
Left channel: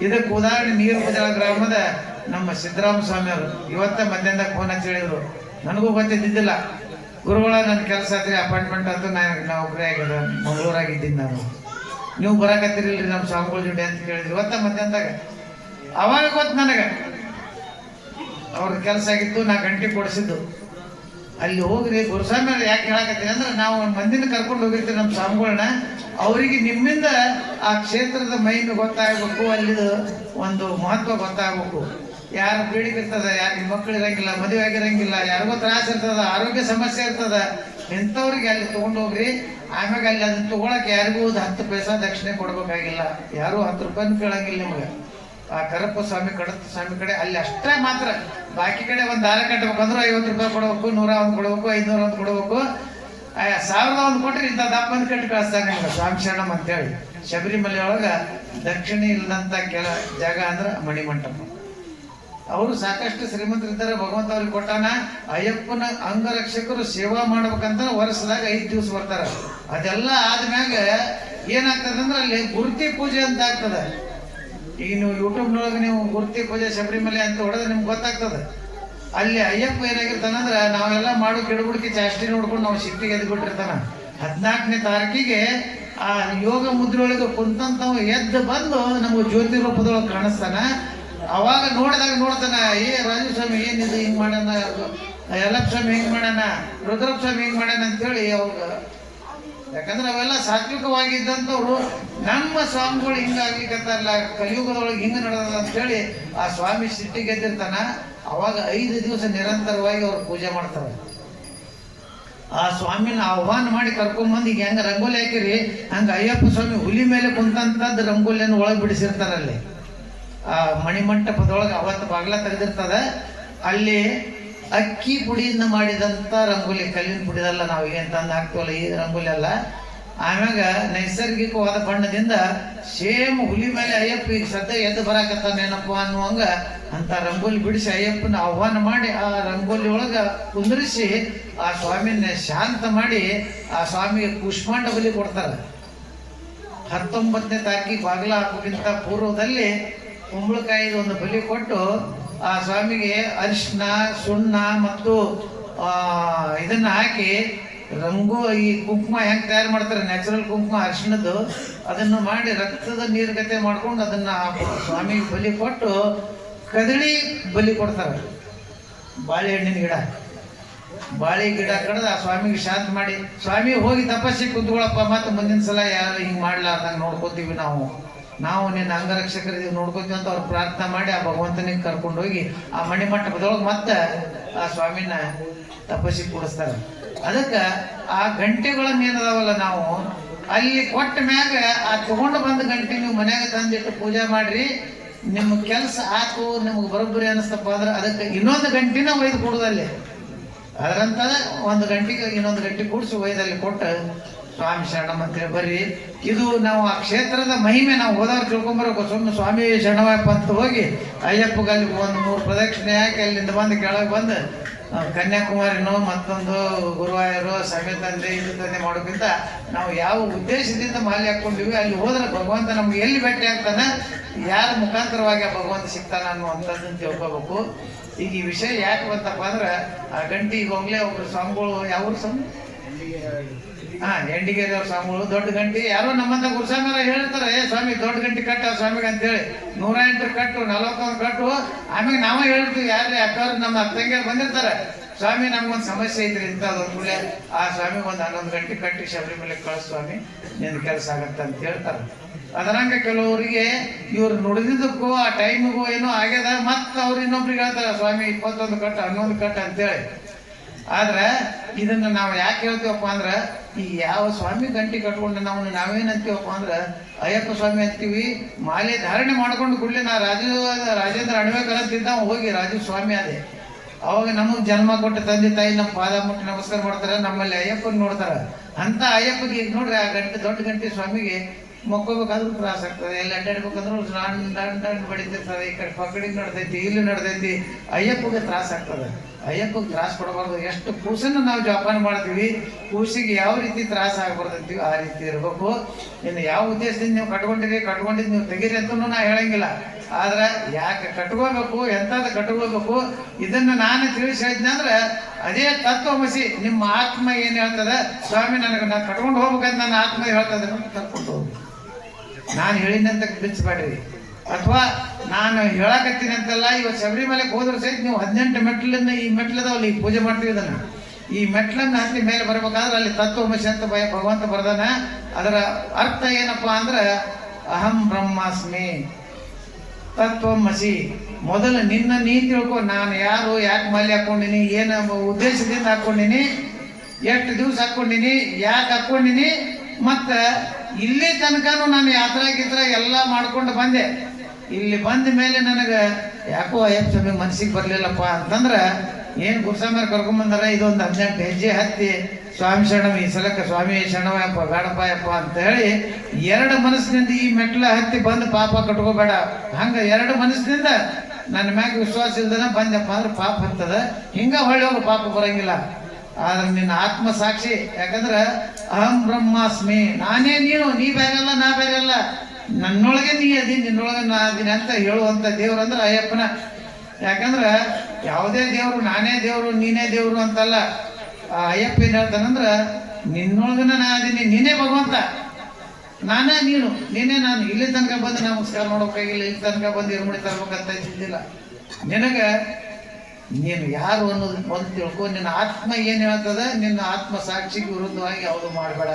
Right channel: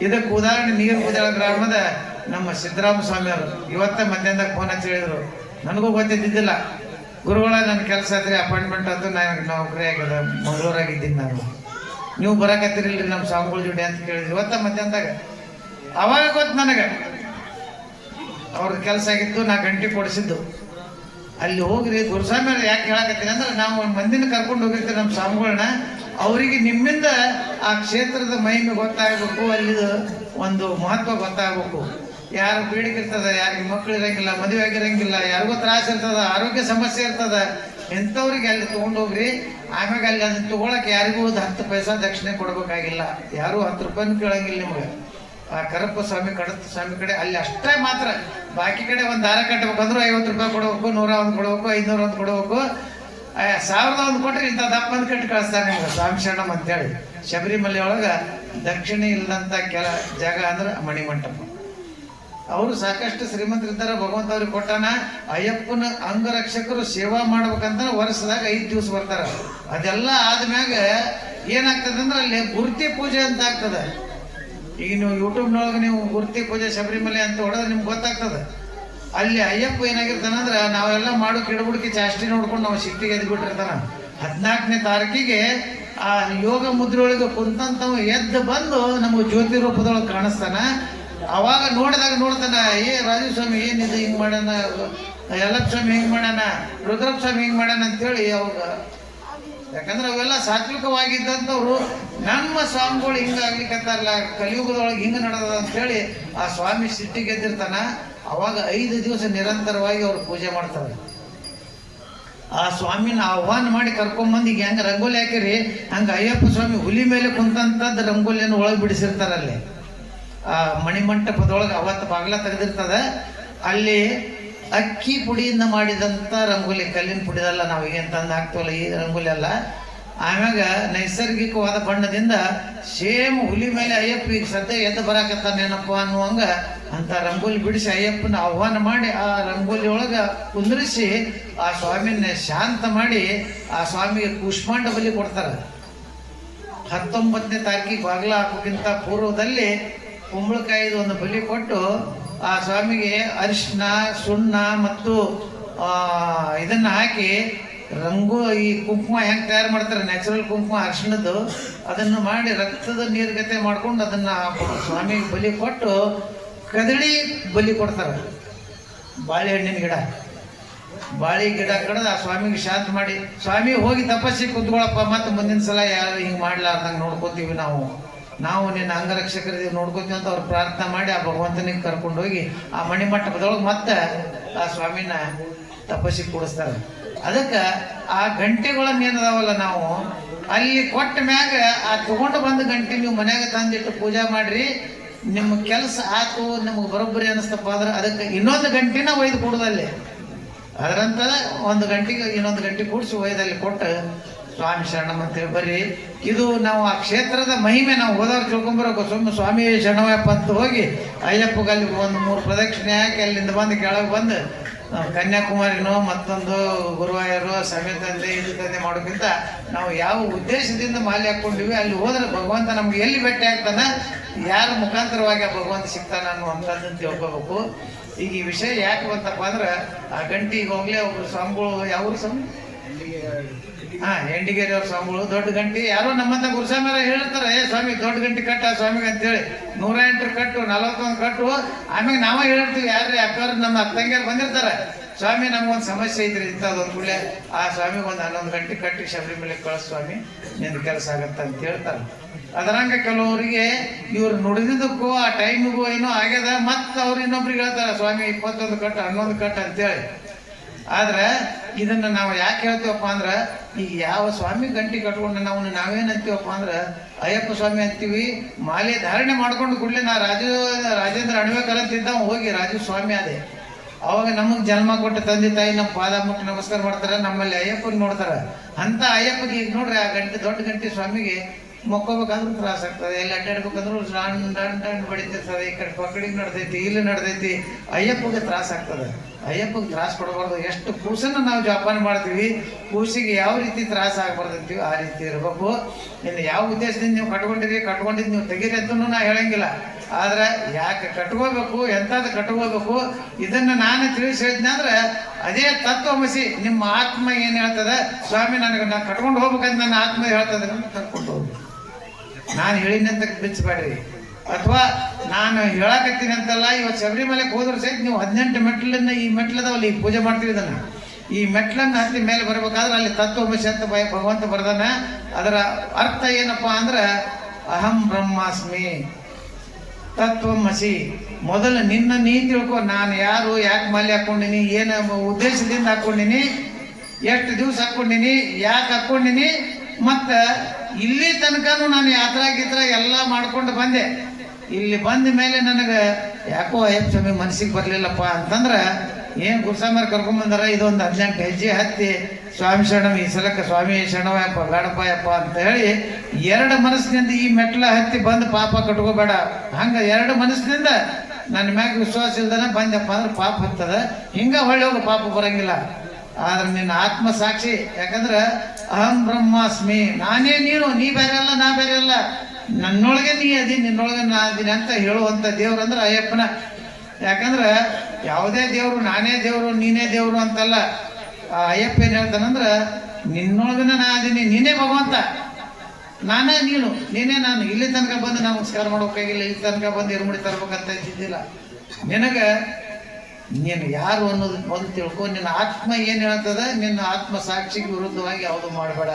ಇದಕ್ಕೆ ಉದಾಹರಣೆ, ನೀರು ಬದಲ ಗ್ರಾಮದ ನಮ್ಮ ಸಿದ್ದರಾಮ ಸ್ವಾಮಿ ಅವರು ಇವತ್ತೇ ಮಧ್ಯಾಹ್ನದಾಗ ಫೋನ್ ಹಚ್ಚಿ ಹೇಳಿದ್ರು. ನನಗೂ ಗೊತ್ತಿದ್ದಿದ್ದಿಲ್ಲ. ಗುರುಗಳ ನನ್ನ ಕೆಲಸ ಆದ್ರೆ ಅಪಾಯಿಂಟ್ಮೆಂಟ್ ಅಂತ ನಾನು ನಾವು ಒಬ್ಬರೇ ಆಗ್ಯದ ಮಂಗಳೂರಾಗಿದ್ದೀನಿ ನಾನು. ನೀವು ಬರಕತ್ತಿರಲಿಲ್ಲ ನಮ್ಮ ಸ್ವಾಮಿಗಳ ಜೊತೆ ಅಂತ ಕೇಳಿದ್ರು. ಇವತ್ತ ಮಧ್ಯಾಹ್ನದಾಗ. ಅವಾಗ ಗೊತ್ತು ನನಗೆ. ಅವ್ರದ್ದು ಕೆಲಸ ಆಗಿತ್ತು, ನಾ ಗಂಟೆ ಕೊಡಿಸಿದ್ದು. ಅಲ್ಲಿ ಹೋಗ್ರಿ ದುರ್ಸಾಮಿ ಯಾಕೆ ಹೇಳಕತ್ತೀನಿ ಅಂದ್ರೆ ನಾವು ಒಂದ್ ಮಂದಿನ ಕರ್ಕೊಂಡು ಹೋಗಿರ್ತೀವಿ ನಮ್ಮ ಸ್ವಾಮಿಗಳನ್ನ ಅವರಿಗೆ ನಿಮ್ಮಿಂದ ಆ ಕ್ಷೇತ್ರದ ಮಹಿಮೆ ಗೊತ್ತಾಗಬೇಕು ಅಲ್ಲಿ ಒಂದು ಮಹತ್ವ ಗೊತ್ತಾಗಬೇಕು. ಯಾರು ಇರ್ತದೆ ಯಾರಿಗೆ ಮಕ್ಕಳು ಇರಂಗಿಲ್ಲ, ಮದುವೆ ಆಗಿರಂಗಿಲ್ಲ, ಯಾರಿಗೂ ತ್ರಾಸ ಇರ್ತದ, ಆರೋಗ್ಯ ಸಮಸ್ಯೆ ಇರ್ತದ, ಇಂಥವ್ರಿಗೆ ಅಲ್ಲಿ ತಗೊಂಡು ಹೋಗ್ರಿ. ಆಮ್ಯಾಗ ಅಲ್ಲಿ ಅದನ್ನ ತಗೊಳಕ್ ಯಾರಿಗೂ ಒಂದು ಹತ್ತು ಪೈಸಾ ದಕ್ಷಿಣೆ ಕೊಡ್ಬೇಕಾಗಿಲ್ಲ. ಯಾರು ಹತ್ತು ರೂಪಾಯಿ ಕೇಳಂಗಿಲ್ಲ ನಿಮಗೆ. ಆ ಕರಪ್ಪ ಸ್ವಾಮಿ ಕಡತ ಸ್ವಾಮಿ ಕಡೆ ಅಲ್ಲಿ ಅಷ್ಟೇ ಮಾತ್ರ. ಬಾಕಿ ಕಡೆ ಒಂದು ದಾರ ಕಟ್ಟಬೇಕಂದ್ರೆ ಐವತ್ತು ರೂಪಾಯಿ ಕೊಡಬೇಕು, ನೂರ ಒಂದು ಕೊಡಬೇಕು, ಐನೂರ ಒಂದು ಕೊಡಬೇಕು. ಸಾವಿರದ ಒಂದು ಕೊಟ್ರೆ ಇಂಥ ದಪ್ಪ ಒಂದು ಕಟ್ಟಿ ಕಳಿಸ್ತಾನೆ ಸ್ವಾಮಿ ಶರಣಂ ಅಂತೇಳಿ. ಶಬರಿಮಲೆ ಒಳಗ ದಕ್ಷಿಣ ಇಲ್ಲದಂಥ ಕೆಲ ಜಾಗ ಅಂದ್ರೆ ಮಣಿಮಂಟಪ. ಅವರು ಸಾಕಷ್ಟು ಶ್ರೀಮಂತರಿದ್ದಾರೆ ಭಗವಂತ ಅವ್ರಿಗೆ ಕೊಟ್ಟಾನ. ಅಯ್ಯಪ್ಪನ ಅಂಗರಕ್ಷಕರು ಸೇವಾ ಮಾಡ್ಬೇಕಂದ್ರೆ ವರ್ಷದಾಗ ಐದು ದಿವಸ ಬರ್ತಾರ. ಅದೆಲ್ಲ ಆದ್ಮ್ಯಾಗ ಏನಾಗ್ತದೆ ಅಂದ್ರೆ ಅಲ್ಲಿ ಗುರ್ತಿ ಪೂಜೆ ಅಂತ ಆಗ್ತದೆ. ಈಗ ನೀವು ಯೂಟ್ಯೂಬ್ನೊಳಗೆ ನೀವು ಗುರ್ತಿ ಪೂಜೆ ಶಬರಿಮಲೆ ಅಂತ ಹೊಡೆದ್ರೆ ನಿಮ್ಗೆ ಗೊತ್ತಾಗ್ತದೆ. ಅಲ್ಲಿ ಅಯ್ಯಪ್ಪ ಏನಾಗಿರ್ತಾನಂದ್ರೆ ನಾವೆಲ್ಲ ಮಾಡೋ ಕಿಡಬುಡಿಕೆ ಜಾಸ್ತಿ ನೋಡ್ಕೊಂಡು ನಾವು ಶಿಫ್ಟಿಗೆ ಎದ್ದು ಬಿಟ್ಟಿರ್ತಾನ ಹದಿನಾಲ್ಕನೇ ತಾರೀಕಿಗೆ ಆ ಯೋಗ ಮುದ್ರೊಳಗೆ ಕುಂತಂತವ ಎದ್ದು ಬಂದು ನಮ್ಗೆ ಜ್ಯೋತಿ ರೂಪದೊಳಗೆ ಕಾಣಿಸ್ತಾನ. ಅವಾಗ ನೋಡಿದಾಗ ನೋಡ್ತಾನ, ಏ ರಾಜಸ್ವಾಮಿ ಏನಿದೆ ಹಿಂಗೆ ಮಾಡೋಣ ಯಲ್ಲಪ್ಪ ಸ್ವಾಮಿ ಹಿಂಗ್ ಮಾಡೋಣ ರುದ್ರಪ್ಪ ಸ್ವಾಮಿ ಹಿಂಗೆ ಮಾಡ್ಯಾನ? ಅಂತೇಳಿ ಅವಾಗ ಯಾಕಂದ್ರೆ ಅವೆಲ್ಲ ಸಾತ್ವಿಕವಾಗಿದ್ದಂಥವ್ರು ನಮ್ಮ ಸ್ವಾಮಿಗಳು ಹಿಂಗಾಗ್ಲಿಕ್ಕಂತಾರಲ್ಲ ಕಲಿಯುಗದೊಳಗೆ ಹಿಂಗೆ ನಡೆದ ಅಂತೇಳಿ ಆ ಸ್ವಾಮಿ ಸಿಟ್ಟಿ ಗೆದ್ದಿರ್ತಾನ, ಅವಾಗ ಐದು ದಿವಸ ನಿರಂತರವಾಗಿ ಅವ್ರು ಪೂಜೆ ಮಾಡ್ತಾರೆ. ಆ ಸ್ವಾಮಿನ ಆಹ್ವಾನ ಮಾಡಿ ಕರ್ಕೊಂಬಂದು, ಈಗ ಹೆಂಗ ರಂಗೋಲಿ ಹಾಕಿರಿ, ಹಂಗ ಅಯ್ಯಪ್ಪ ಸ್ವಾಮಿ ಹುಲಿ ಮೇಲೆ ಕುಂತಂಥದ್ದು ರಂಗೋಲಿಯನ್ನು ಒಳಗೆ ಬಿಡಿಸಿರ್ತಾರಲ್ಲಿ. ಆ ಮಣಿಮಂಟಪದೊಳಗೆ ಅವತ್ತು ಬಾಗ್ಲ ತೆಗೆದಿರ್ತದ. ಅಲ್ಲಿ ಅಕ್ಕಿ ಪುಡಿಯಿಂದ ಮಾಡಿದಂತ ರಂಗೋಲಿ, ಕಲ್ಲಿನ ಪುಡಿದಲ್ಲ ನಾವು ಏನ್ ತಂದು ಹಾಕ್ತವಲ್ಲ ಈ ರಂಗೋಲಿ ಅಲ್ಲ ಆಮ್ಯಾಗ ನೈಸರ್ಗಿಕವಾದ ಬಣ್ಣದಿಂದ ಸೇಮ್ ಹುಲಿ ಮೇಲೆ ಅಯ್ಯಪ್ಪ ಈಗ ಸದ್ಯ ಎದ್ದು ಬರಾಕತ್ತಾನೇನಪ್ಪ ಅನ್ನುವಂಗ ಅಂತ ರಂಗೋಲಿ ಬಿಡಿಸಿ ಅಯ್ಯಪ್ಪನ ಆಹ್ವಾನ ಮಾಡಿ ಆ ರಂಗೋಲಿ ಒಳಗ ಕುಂದ್ರಿಸಿ ಆ ಸ್ವಾಮಿನ ಶಾಂತ ಮಾಡಿ ಆ ಸ್ವಾಮಿಗೆ ಕುಷ್ಮಾಂಡ ಬಲಿ ಕೊಡ್ತಾರೆ. ಹತ್ತೊಂಬತ್ತನೇ ತಾಕಿ ಬಾಗಿಲ ಹಾಕೋಕ್ಕಿಂತ ಪೂರ್ವದಲ್ಲಿ ಕುಂಬಳಕಾಯಿದು ಒಂದು ಬಲಿ ಕೊಟ್ಟು ಆ ಸ್ವಾಮಿಗೆ ಅರಿಶಿನ ಸುಣ್ಣ ಮತ್ತು ಇದನ್ನು ಹಾಕಿ ರಂಗು ಈ ಕುಂಕುಮ ಹೆಂಗೆ ತಯಾರು ಮಾಡ್ತಾರೆ ನ್ಯಾಚುರಲ್ ಕುಂಕುಮ ಅರಿಶಿಣದ್ದು ಅದನ್ನು ಮಾಡಿ ರಕ್ತದ ನೀರ್ಗತೆ ಮಾಡ್ಕೊಂಡು ಅದನ್ನ ಆ ಸ್ವಾಮಿಗೆ ಬಲಿ ಕೊಟ್ಟು ಕದಳಿ ಬಲಿ ಕೊಡ್ತಾರೆ. ಬಾಳೆಹಣ್ಣಿನ ಗಿಡ. ಬಾಳೆ ಗಿಡ ಕಡ್ದು ಆ ಸ್ವಾಮಿಗೆ ಶಾಂತ ಮಾಡಿ. ಸ್ವಾಮಿ ಹೋಗಿ ತಪಸ್ಸಿ ಕುತ್ಕೊಳಪ್ಪ, ಮತ್ತೆ ಮುಂದಿನ ಸಲ ಯಾರು ಹಿಂಗೆ ಮಾಡ್ಲಾರ್ದಂಗ ನೋಡ್ಕೋತೀವಿ ನಾವು. ನಾವು ನಿನ್ನ ಅಂಗರಕ್ಷಕರಿಗೆ ನೋಡ್ಕೋತೀವಿ ಅಂತ ಅವ್ರು ಪ್ರಾರ್ಥನೆ ಮಾಡಿ ಆ ಭಗವಂತನಿಗೆ ಕರ್ಕೊಂಡು ಹೋಗಿ ಆ ಮಣಿಮಟ್ಟಕದೊಳಗೆ ಮತ್ತೆ ಆ ಸ್ವಾಮಿನ ತಪಸ್ಸಿ ಕೂಡಿಸ್ತಾರೆ. ಅದಕ್ಕೆ ಆ ಗಂಟೆಗಳನ್ನ ಏನದಾವಲ್ಲ ನಾವು. ಅಲ್ಲಿ ಕೊಟ್ಟ ಮ್ಯಾಗ ಆ ತಗೊಂಡು ಬಂದ ಗಂಟೆ ನೀವು ಮನ್ಯಾಗ ತಂದಿಟ್ಟು ಪೂಜೆ ಮಾಡ್ರಿ. ನಿಮ್ಮ ಕೆಲಸ ಆತು, ನಮಗೆ ಬರೋಬ್ಬರಿ ಅನಿಸ್ತಪ್ಪ ಅಂದ್ರೆ ಅದಕ್ಕೆ ಇನ್ನೊಂದು ಗಂಟೆನ ಒಯ್ದು ಕೊಡುದಲ್ಲಿ ಅದರಂತ ಒಂದು ಗಂಟೆಗೆ ಇನ್ನೊಂದು ಗಂಟೆ ಕೂಡಿಸಿ ಒಯ್ದಲ್ಲಿ ಕೊಟ್ಟು ಸ್ವಾಮಿ ಶರಣಂ ಅಂತೇಳಿ ಬರ್ರಿ. ಇದು ನಾವು ಆ ಕ್ಷೇತ್ರದ ಮಹಿಮೆ ನಾವು ಹೋದಾಗ ತಿಳ್ಕೊಂಬರಬೇಕು ಸುಮ್ಮನೆ ಸ್ವಾಮಿ ಶರಣವಪ್ಪ ಅಂತ ಹೋಗಿ ಅಯ್ಯಪ್ಪಗೆ ಅಲ್ಲಿ ಒಂದು ಮೂರು ಪ್ರದಕ್ಷಿಣೆ ಹಾಕಿ ಅಲ್ಲಿಂದ ಬಂದು ಕೆಳಗೆ ಬಂದು ಕನ್ಯಾಕುಮಾರಿನೋ ಮತ್ತೊಂದು ಗುರುವಾಯರು ಸಮಯ ತಂದೆ ಇದು ತಂದೆ ಮಾಡೋಕ್ಕಿಂತ ನಾವು ಯಾವ ಉದ್ದೇಶದಿಂದ ಮಾಲೆ ಹಾಕೊಂಡಿವಿ ಅಲ್ಲಿ ಹೋದ್ರೆ ಭಗವಂತ ನಮ್ಗೆ ಎಲ್ಲಿ ಭೇಟಿ ಆಗ್ತಾನ, ಯಾರ ಮುಖಾಂತರವಾಗಿ ಭಗವಂತ ಸಿಗ್ತಾನ ಅನ್ನುವಂಥದ್ದನ್ನು ತಿಳ್ಕೋಬೇಕು. ಈಗ ಈ ವಿಷಯ ಯಾಕೆ ಬಂತಪ್ಪ ಅಂದ್ರೆ, ಆ ಗಂಟಿ ಈಗಾಗಲೇ ಒಬ್ರು ಸ್ವಾಮಿಗಳು ಯಾವ ಸ್ವಾಮಿ ಹಾ ಎಂಡಿಗೇರಿ ಅವ್ರ ಸ್ವಾಮಿಗಳು ದೊಡ್ಡ ಗಂಟೆ. ಯಾರೋ ನಮ್ಮಂತ ಮೇಲೆ ಹೇಳ್ತಾರೆ ಏ ಸ್ವಾಮಿ, ದೊಡ್ಡ ಗಂಟೆ ಕಟ್ಟ ಸ್ವಾಮಿಗೆ ಅಂತೇಳಿ. ನೂರ ಎಂಟು ಕಟ್ಟು, ನಲವತ್ತೊಂದು ಕಟ್ಟು. ಆಮೇಲೆ ನಾವ ಹೇಳ್ತೀವಿ, ಯಾರ್ರಿ ಅಕ್ಕವ್ರು? ನಮ್ಮ ಅತ್ತಂಗಿಯರು ಬಂದಿರ್ತಾರೆ. ಸ್ವಾಮಿ, ನಮ್ಗೊಂದು ಸಮಸ್ಯೆ ಐತ್ರಿ ಇಂಥದ್ದು ಕೂಡಲೇ, ಆ ಸ್ವಾಮಿ ಒಂದು ಹನ್ನೊಂದು ಗಂಟೆ ಕಟ್ಟಿ ಶಬರಿಮಲೆ ಕಳಿಸ್ ಸ್ವಾಮಿ ನಿನ್ನ ಕೆಲಸ ಆಗತ್ತೆ ಅಂತ ಹೇಳ್ತಾರೆ. ಅದರಂಗ ಕೆಲವರಿಗೆ ಇವ್ರು ನುಡಿದಿದ್ದಕ್ಕೂ, ಆ ಟೈಮಿಗೂ ಏನೋ ಆಗ್ಯದ, ಮತ್ತೆ ಅವ್ರು ಇನ್ನೊಬ್ರಿಗೆ ಹೇಳ್ತಾರೆ, ಸ್ವಾಮಿ, ಇಪ್ಪತ್ತೊಂದು ಕಟ್ಟು, ಹನ್ನೊಂದು ಕಟ್ಟು ಅಂತೇಳಿ. ಆದ್ರೆ ಇದನ್ನ ನಾವು ಯಾಕೆ ಹೇಳ್ತೀವಪ್ಪ ಅಂದ್ರ, ಈ ಯಾವ ಸ್ವಾಮಿ ಗಂಟಿ ಕಟ್ಕೊಂಡು ನಾವು ನಾವೇನ್ ಅಂತೀವಪ್ಪ ಅಂದ್ರ, ಅಯ್ಯಪ್ಪ ಸ್ವಾಮಿ ಅಂತೀವಿ, ಮಾಲೆ ಧಾರಣೆ ಮಾಡ್ಕೊಂಡು ಕೂಡಲೇ ನಾ ರಾಜು, ರಾಜೇಂದ್ರ ಅಣಬೇಕಂತಿದ್ದ ಹೋಗಿ ರಾಜು ಸ್ವಾಮಿ ಅದೇ ಅವಾಗ ನಮಗ್ ಜನ್ಮ ಕೊಟ್ಟ ತಂದೆ ತಾಯಿ ನಮ್ಮ ಪಾದ ಮುಟ್ಟಿ ನಮಸ್ಕಾರ ಮಾಡ್ತಾರೆ, ನಮ್ಮಲ್ಲಿ ಅಯ್ಯಪ್ಪಗೆ ನೋಡ್ತಾರೆ. ಅಂತ ಅಯ್ಯಪ್ಪಗೆ ಈಗ ನೋಡ್ರಿ, ಆ ಗಂಟೆ, ದೊಡ್ಡ ಗಂಟೆ ಸ್ವಾಮಿಗೆ ಮೊಕ್ಕೋಬೇಕಾದ್ರೂ ತ್ರಾಸ ಆಗ್ತದೆ ಎಲ್ಲಿ ಅಡ್ಡಾಡ್ಬೇಕಂದ್ರೂ ಸಣ್ಣ ಬಡಿತಿರ್ತದೆ, ಈ ಕಡೆ ಪಕ್ಕಡಿಗೆ ನಡ್ದೈತಿ, ಇಲ್ಲಿ ನಡ್ದೈತಿ, ಅಯ್ಯಪ್ಪಗೆ ತ್ರಾಸ ಆಗ್ತದೆ. ಅಯ್ಯಪ್ಪಗೆ ತ್ರಾಸ ಕೊಡಬಾರ್ದು ಎಷ್ಟು ಕೂಸನ್ನು ನಾವು ಜೋಪಾನ ಮಾಡ್ತೀವಿ ಕೂಸಿಗೆ ಯಾವ ರೀತಿ ತ್ರಾಸ ಆಗ್ಬಾರ್ದಂತೀವಿ ಆ ರೀತಿ ಇರಬೇಕು. ಇನ್ನು ಯಾವ ಉದ್ದೇಶದಿಂದ ನೀವು ಕಟ್ಕೊಂಡಿರಿ ಕಟ್ಕೊಂಡಿದ್ದು ನೀವು ತೆಗೀರಿ ಅಂತ ನಾನು ಹೇಳಂಗಿಲ್ಲ. ಆದರೆ ಯಾಕೆ ಕಟ್ಕೋಬೇಕು ಎಂಥದ್ದು ಕಟ್ಕೋಬೇಕು, ಇದನ್ನು ನಾನು ತಿಳಿಸಿ ಹೇಳಿದ್ನಂದ್ರೆ ಅದೇ ತತ್ವಮಸಿ ನಿಮ್ಮ ಆತ್ಮ ಏನು ಹೇಳ್ತದೆ, ಸ್ವಾಮಿ ನನಗೆ ನಾನು ಕಟ್ಕೊಂಡು ಹೋಗ್ಬೇಕಂತ ನನ್ನ ಆತ್ಮ ಹೇಳ್ತದೆ ಕರ್ಕೊಂಡು ಹೋಗ್ಬೇಕು ನಾನು ಹೇಳಿನಂತ ಬಿಚ್ಚಬೇಡ್ರಿ. ಅಥವಾ ನಾನು ಹೇಳಕತ್ತೀನಿ ಅಂತಲ್ಲ ಇವತ್ತು ಶಬರಿಮಲೆಗೆ ಹೋದ್ರೆ ಸಹಿತ ನೀವು ಹದಿನೆಂಟು ಮೆಟ್ಲನ್ನ ಈ ಮೆಟ್ಲದವಲ್ಲಿ ಪೂಜೆ ಮಾಡ್ತೀವಿ ಈ ಮೆಟ್ಲನ್ನು ಹತ್ತಿ ಮೇಲೆ ಬರಬೇಕಾದ್ರೆ ಅಲ್ಲಿ ತತ್ವಮಸಿ ಅಂತ ಭಯ, ಭಗವಂತ ಬರ್ದಾನ. ಅದರ ಅರ್ಥ ಏನಪ್ಪಾ ಅಂದ್ರೆ, ಅಹಂ ಬ್ರಹ್ಮಾಸ್ಮಿ ತತ್ವಮಸಿ ಮೊದಲು ನಿನ್ನ ನೀ ತಿಳ್ಕೊ, ನಾನು ಯಾರು, ಯಾಕೆ ಮಾಲೆ ಹಾಕೊಂಡಿನಿ, ಏನು ಉದ್ದೇಶದಿಂದ ಹಾಕೊಂಡಿನಿ, ಎಷ್ಟು ದಿವಸ ಹಾಕೊಂಡಿನಿ, ಯಾಕೆ ಹಾಕೊಂಡಿನಿ, ಮತ್ತು ಇಲ್ಲಿ ತನಕನೂ ನಾನು ಯಾತ್ರಾ ಎಲ್ಲ ಮಾಡ್ಕೊಂಡು ಬಂದೆ. ಇಲ್ಲಿ ಬಂದ ಮೇಲೆ ನನಗೆ ಯಾಕೋ ಅಯ್ಯಪ್ಪ ಸ್ವಾಮಿ, ಮನಸ್ಸಿಗೆ ಬರಲಿಲ್ಲಪ್ಪ ಅಂತಂದ್ರೆ, ಏನು ಕರ್ಕೊಂಡ್ ಬಂದಾರ? ಇದೊಂದು ಹದಿನೆಂಟು ಹೆಜ್ಜೆ ಹತ್ತಿ, ಸ್ವಾಮಿ ಶರಣವ, ಈ ಸಲಕ್ಕೆ ಸ್ವಾಮಿ ಶರಣವಯಪ್ಪ ಬೇಡಪ್ಪಯಪ್ಪ ಅಂತ ಹೇಳಿ ಎರಡು ಮನಸ್ಸಿನಿಂದ ಈ ಮೆಟ್ಲ ಹತ್ತಿ ಬಂದು ಪಾಪ ಕಟ್ಕೋಬೇಡ. ಹಂಗ ಎರಡು ಮನಸ್ಸಿನಿಂದ ನನ್ನ ಮ್ಯಾಗ ವಿಶ್ವಾಸ ಇಲ್ದನ ಬಂದಪ್ಪ ಅಂದ್ರೆ ಪಾಪ ಇರ್ತದ. ಹಿಂಗ ಹೊಳ್ಳಿ ಪಾಪ ಬರಂಗಿಲ್ಲ. ಆದ್ರೆ ನಿನ್ನ ಆತ್ಮ ಸಾಕ್ಷಿ, ಯಾಕಂದ್ರೆ ಅಹಂ ಬ್ರಹ್ಮಾಸ್ಮಿ. ನಾನೇ ನೀನು, ನೀ ಬೇರೆ ಅಲ್ಲ, ನಾ ಬೇರೆ ಅಲ್ಲ. ನನ್ನೊಳಗೆ ನೀ ಅದಿ, ನಿನ್ನೊಳಗೆ ನಾ ಅದೀನಿ ಅಂತ ಹೇಳುವಂತ ದೇವ್ರು ಅಂದ್ರೆ ಅಯ್ಯಪ್ಪನ. ಯಾಕಂದ್ರ ಯಾವುದೇ ದೇವ್ರು, ನಾನೇ ದೇವ್ರು, ನೀನೇ ದೇವ್ರು ಅಂತಲ್ಲ. ಆ ಅಯ್ಯಪ್ಪ ಏನ್ ಹೇಳ್ತಾನಂದ್ರ ನಿನ್ನೊಳಗನ ನಾ ಅದೀನಿ, ನೀನೇ ಭಗವಂತ. ನಾನೇ ನೀನು, ನೀನೇ ನಾನು. ಇಲ್ಲಿ ತನಕ ಬಂದು ನಮಸ್ಕಾರ ಮಾಡೋಕ್ಕಾಗಿಲ್ಲ ಇಲ್ಲಿ ತನಕ ಬಂದು ಇರುಮುಡಿ ತರ್ಬೇಕಂತ ಇದ್ದಿಲ್ಲ ನಿನಗೆ ನೀನು ಯಾರು ಅನ್ನೋದು ಒಂದು ತಿಳ್ಕೊ, ನಿನ್ನ ಆತ್ಮ ಏನು ಹೇಳ್ತದ, ನಿನ್ನ ಆತ್ಮ ಸಾಕ್ಷಿಗೆ ವಿರುದ್ಧವಾಗಿ ಯಾವುದು ಮಾಡಬೇಡ.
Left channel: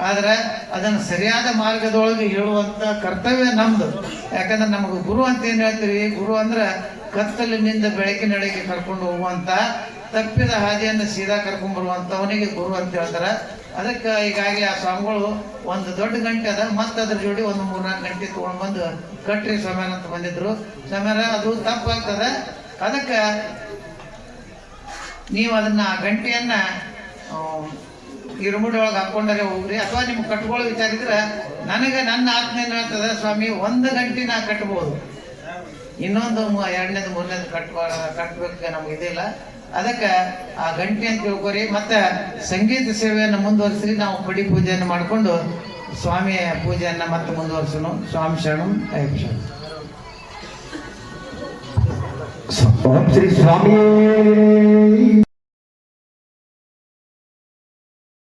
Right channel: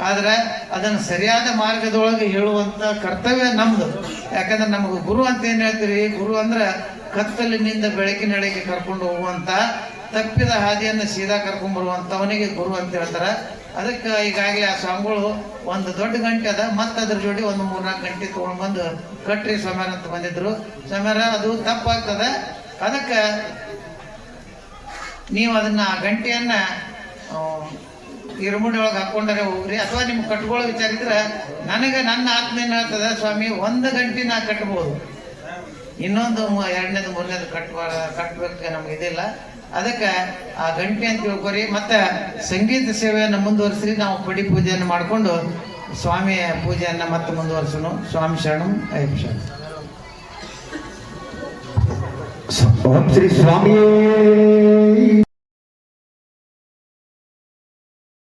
ಆದ್ರೆ ಅದನ್ನು ಸರಿಯಾದ ಮಾರ್ಗದೊಳಗೆ ಹೇಳುವಂತ ಕರ್ತವ್ಯ ನಮ್ದು. ಯಾಕಂದ್ರೆ ನಮ್ಗೆ ಗುರು ಅಂತ ಏನ್ ಹೇಳ್ತೀರಿ? ಗುರು ಅಂದ್ರೆ ಕತ್ತಲಿನಿಂದ ಬೆಳಕಿನಡೆಗೆ ಕರ್ಕೊಂಡು ಹೋಗುವಂತ, ತಪ್ಪಿದ ಹಾದಿಯನ್ನು ಸೀದಾ ಕರ್ಕೊಂಡ್ ಬರುವಂತವನಿಗೆ ಗುರು ಅಂತ ಹೇಳ್ತಾರ. ಅದಕ್ಕೆ ಈಗಾಗಿ ಆ ಸ್ವಾಮಿಗಳು ಒಂದು ದೊಡ್ಡ ಗಂಟೆ ಅದ, ಮತ್ತೆ ಅದ್ರ ಜೋಡಿ ಒಂದು ಮೂರ್ನಾಲ್ಕು ಗಂಟೆ ತಗೊಂಡ್ ಬಂದು ಕಟ್ರಿ ಸಮಯನ ಅಂತ ಬಂದಿದ್ರು. ಸಮೇರ ಅದು ತಪ್ಪಾಗ್ತದೆ. ಅದಕ್ಕೆ ನೀವು ಅದನ್ನ ಆ ಗಂಟೆಯನ್ನ ಇರುಮುಡಿ ಒಳಗೆ ಹಾಕೊಂಡರೆ ಹೋಗ್ರಿ. ಅಥವಾ ನಿಮ್ಗೆ ಕಟ್ಕೊಳ್ಳೋ ವಿಚಾರ ಇದ್ರೆ ನನಗೆ ನನ್ನ ಆತ್ಮ ಹೇಳ್ತದೆ, ಸ್ವಾಮಿ, ಒಂದು ಗಂಟೆ ನಾ ಕಟ್ಬೋದು. ಇನ್ನೊಂದು ಎರಡನೇದು, ಮೂರನೇದು ಕಟ್ ಕಟ್ಬೇಕು ನಮ್ಗೆ ಇದಿಲ್ಲ. ಅದಕ್ಕೆ ಆ ಗಂಟೆ ಅಂತ ತಿಳ್ಕೊರಿ. ಮತ್ತೆ ಸಂಗೀತ ಸೇವೆಯನ್ನು ಮುಂದುವರಿಸಿ ನಾವು ಪಡಿ ಪೂಜೆಯನ್ನು ಮಾಡಿಕೊಂಡು ಸ್ವಾಮಿಯ ಪೂಜೆಯನ್ನು ಮತ್ತೆ ಮುಂದುವರಿಸೋಣ. ಸ್ವಾಮಿ ಶರಣ, ಅಯ್ಯಪ್ಪ ಶ್ರೀ ಸ್ವಾಮಿಯೇ.